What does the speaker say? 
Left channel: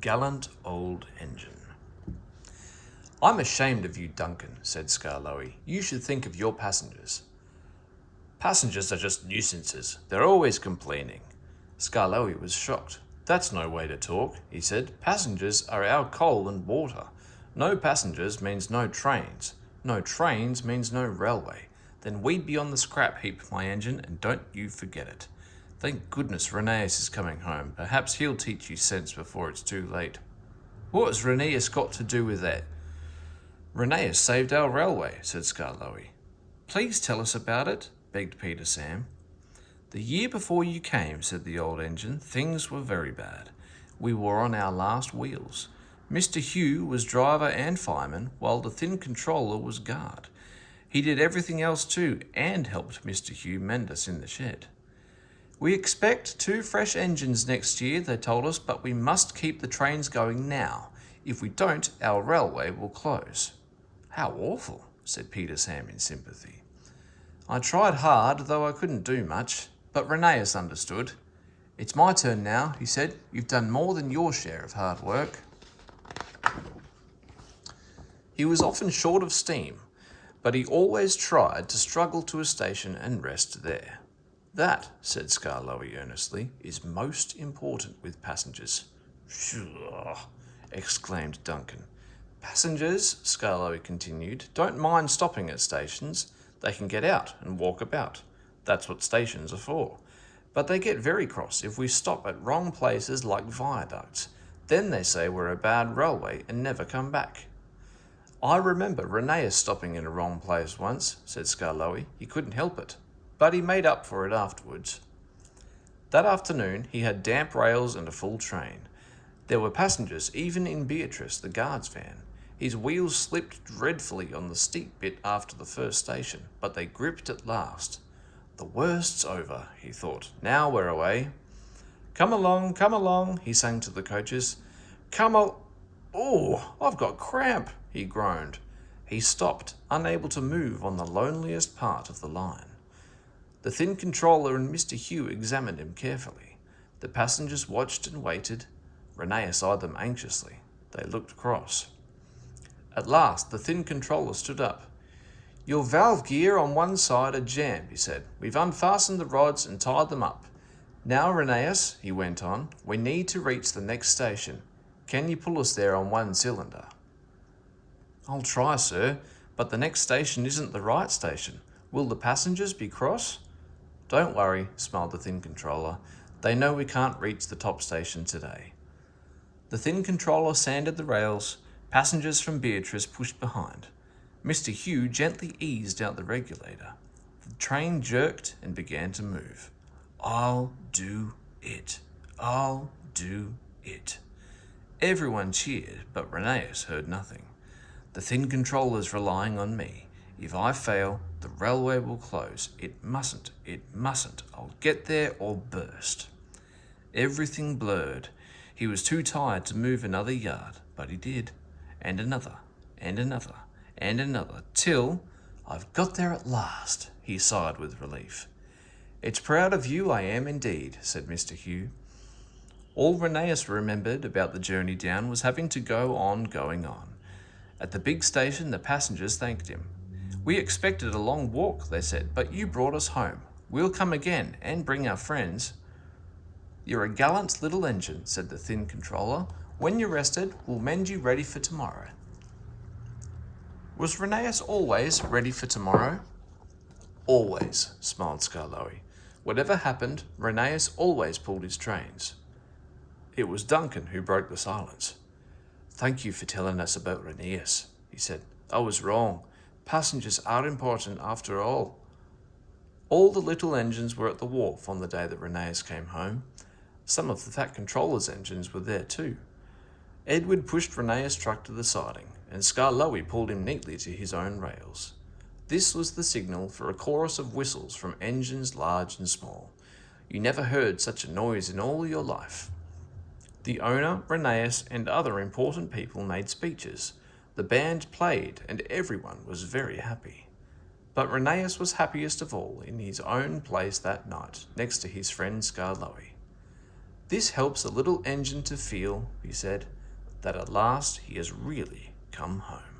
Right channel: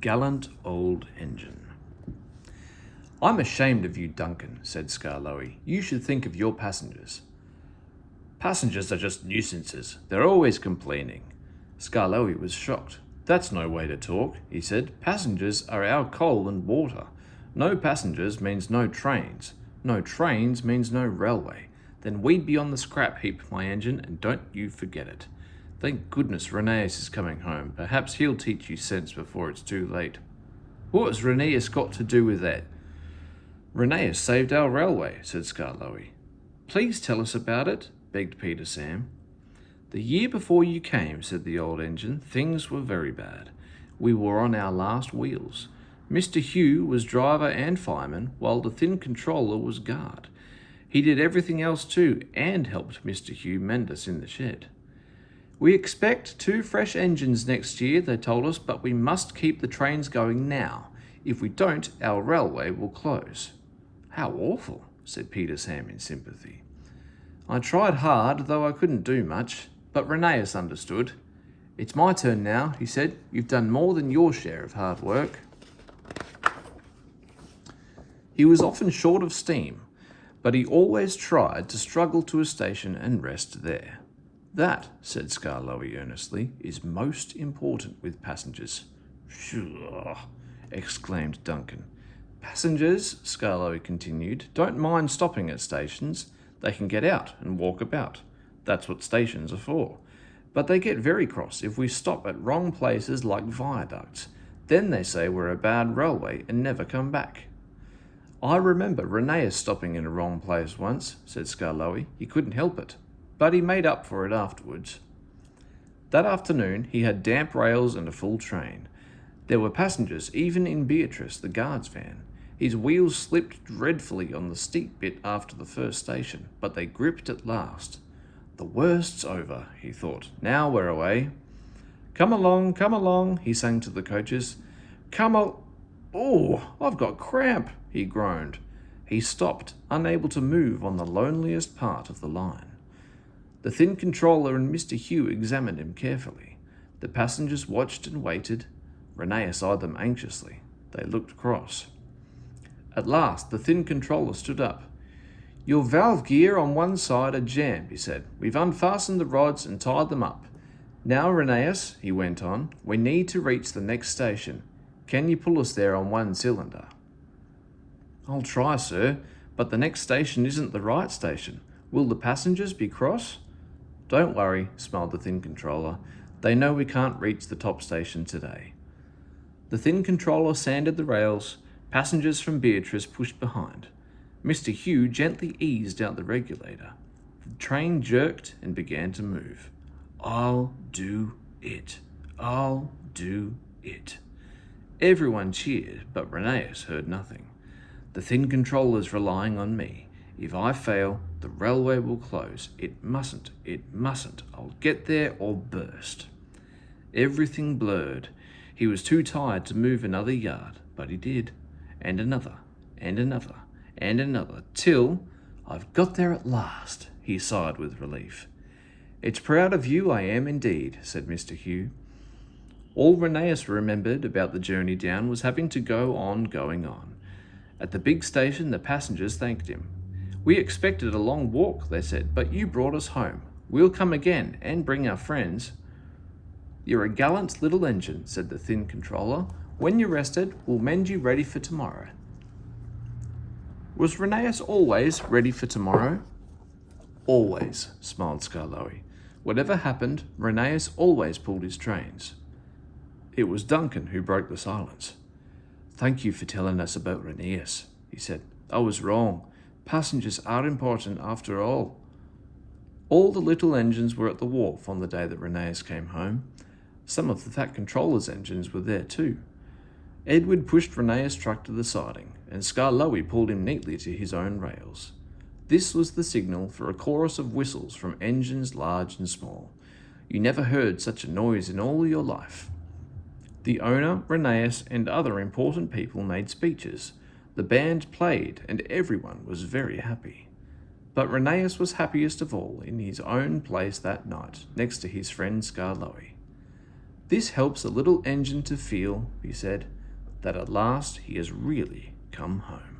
Gallant old engine. I'm ashamed of you, Duncan, said Skarloey. You should think of your passengers. Passengers are just nuisances. They're always complaining. Skarloey was shocked. That's no way to talk, he said. Passengers are our coal and water. No passengers means no trains. No trains means no railway. Then we'd be on the scrap heap, my engine, and don't you forget it. Thank goodness Rheneas is coming home. Perhaps he'll teach you sense before it's too late. What has Rheneas got to do with that? Rheneas saved our railway, said Skarloey. Please tell us about it, begged Peter Sam. The year before you came, said the old engine, things were very bad. We were on our last wheels. Mr. Hugh was driver and fireman, while the thin controller was guard. He did everything else too, and helped Mr. Hugh mend us in the shed. We expect 2 fresh engines next year, they told us, but we must keep the trains going now. If we don't, our railway will close. How awful, said Peter Sam in sympathy. I tried hard, though I couldn't do much, but Rheneas understood. It's my turn now, he said. You've done more than your share of hard work. He was often short of steam, but he always tried to struggle to a station and rest there. That, said Skarloey earnestly, is most important with passengers. Phew, exclaimed Duncan. Passengers, Skarloey continued, don't mind stopping at stations. They can get out and walk about. That's what stations are for. But they get very cross if we stop at wrong places like viaducts. Then they say we're a bad railway and never come back. I remember Rheneas stopping in a wrong place once, said Skarloey. He couldn't help it, but he made up for it afterwards. That afternoon he had damp rails and a full train. There were passengers even in Beatrice, the guard's van. His wheels slipped dreadfully on the steep bit after the first station, but they gripped at last. The worst's over, he thought. Now we're away. Come along, he sang to the coaches. Oh, I've got cramp, he groaned. He stopped, unable to move on the loneliest part of the line. The thin controller and Mr. Hugh examined him carefully. The passengers watched and waited. Rheneas eyed them anxiously. They looked cross. At last, the thin controller stood up. Your valve gear on one side are jammed, he said. We've unfastened the rods and tied them up. Now, Rheneas, he went on, we need to reach the next station. Can you pull us there on one cylinder? I'll try, sir, but the next station isn't the right station. Will the passengers be cross? Don't worry, smiled the thin controller. They know we can't reach the top station today. The thin controller sanded the rails. Passengers from Beatrice pushed behind. Mr. Hugh gently eased out the regulator. The train jerked and began to move. I'll do it. I'll do it. Everyone cheered, but Rheneas heard nothing. The thin controller's relying on me. If I fail, the railway will close. It mustn't. I'll get there or burst. Everything blurred. He was too tired to move another yard, but he did. And another, and another, and another, till I've got there at last, he sighed with relief. It's proud of you, I am indeed, said Mr. Hugh. All Rheneas remembered about the journey down was having to go on going on. At the big station, the passengers thanked him. We expected a long walk, they said, but you brought us home. We'll come again and bring our friends. You're a gallant little engine, said the thin controller. When you're rested, we'll mend you ready for tomorrow. Was Rheneas always ready for tomorrow? Always, smiled Skarloey. Whatever happened, Rheneas always pulled his trains. It was Duncan who broke the silence. Thank you for telling us about Rheneas, he said. I was wrong. Passengers are important after all. All the little engines were at the wharf on the day that Rheneas came home. Some of the fat controller's engines were there too. Edward pushed Rheneas' truck to the siding, and Skarloey pulled him neatly to his own rails. This was the signal for a chorus of whistles from engines large and small. You never heard such a noise in all your life. The owner, Rheneas, and other important people made speeches. The band played, and everyone was very happy. But Rheneas was happiest of all in his own place that night, next to his friend Skarloey. This helps the little engine to feel, he said, that at last he has really come home.